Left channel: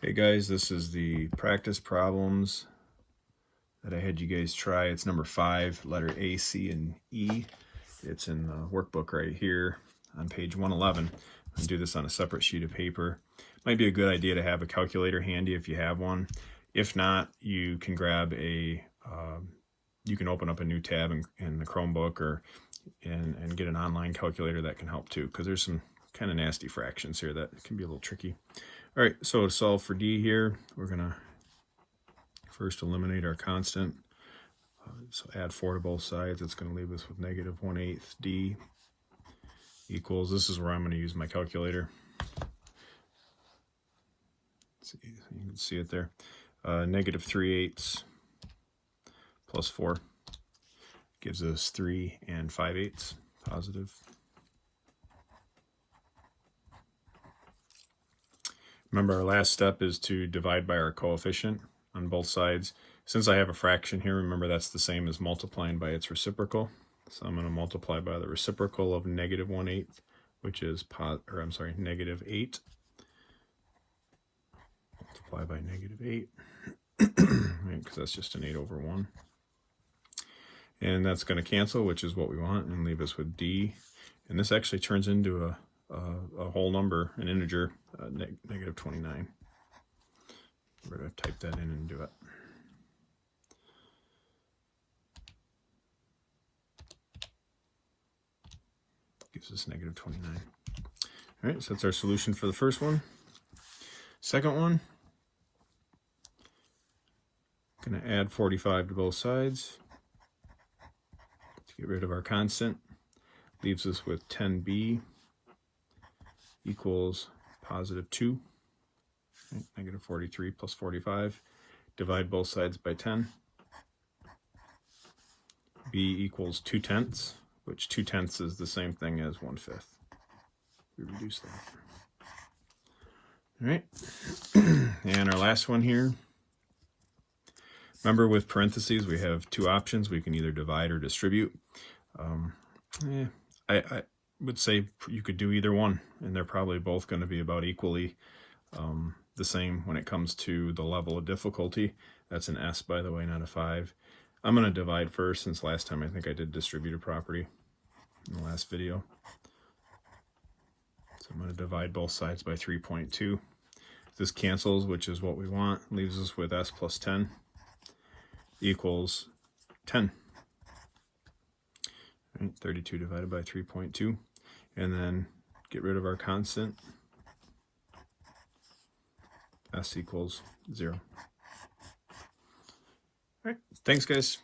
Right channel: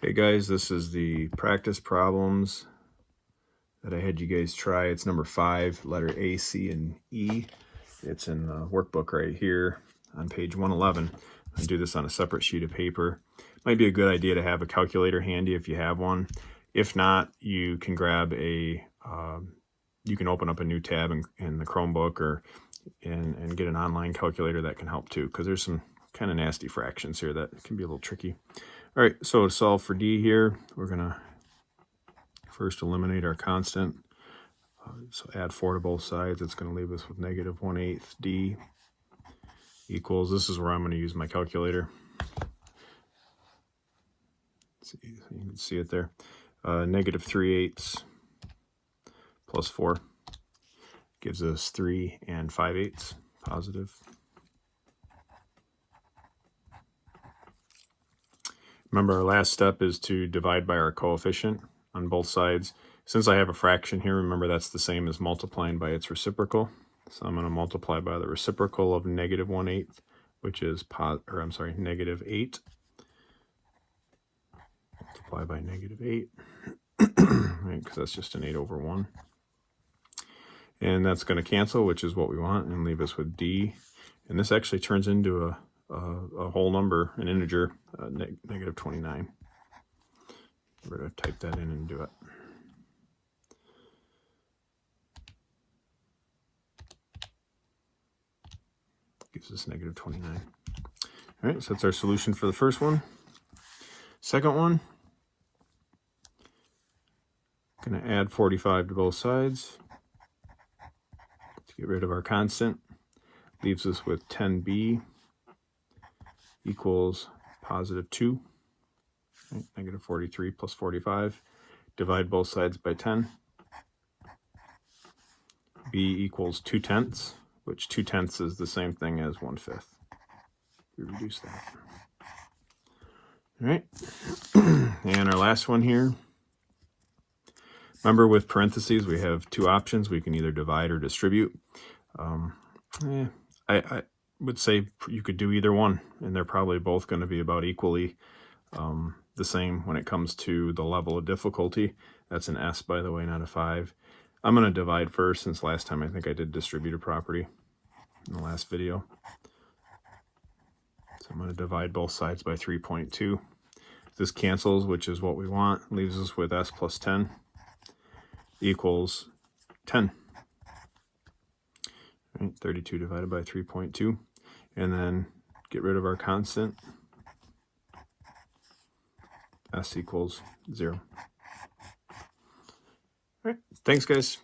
Hey guys, this is the practice problems that I had you guys try. It's number 5, letter A, C, and E. It's in the workbook right here on page 111. I do this on a separate sheet of paper. Might be a good idea to have a calculator handy if you have one. If not, you can grab a, you can open up a new tab in the Chromebook or and get an online calculator that can help too, because there's some kind of nasty fractions here that can be a little tricky. All right, so to solve for D here, we're going to first eliminate our constant. So add 4 to both sides. It's going to leave us with negative 1/8 D equals, this is where I'm going to use my calculator. See, you can see it there. Negative 3/8 plus 4 gives us 3 5/8 positive. Remember, our last step is to divide by our coefficient on both sides. Since I have a fraction here, remember that's the same as multiplying by its reciprocal. So I'm going to multiply by the reciprocal of negative 1/8, which is negative 8. Multiply by negative 8, right? Because that's just an 8 over 1. And that's going to cancel, which is what we want, and leave us with D. And this actually turns into a whole number, an integer, negative 29. We're going to type that in and do it. Gives us negative 29. All right, so that's our solution for the first one. Second one, going to add 45 to both sides to get rid of our constant. Leaves us with 10b equals positive 2. Right, negative 43 plus 45. Divide both sides by 10. b equals 2/10, which 2/10 is the same thing as 1/5. We reduce that. All right, and our last one here. Remember, with parentheses, we have two options. We can either divide or distribute. I would say you could do either one, and they're probably both going to be about equally the same when it comes to the level of difficulty. That's an S, by the way, not a 5. I'm going to divide first, since last time I think I did distributive property in the last video. So I'm going to divide both sides by 3.2. This cancels, which is what we want. Leaves us with S plus 10 equals 10. Right, 32 divided by 3.2. And then get rid of our constant. S equals 0. All right, thanks guys.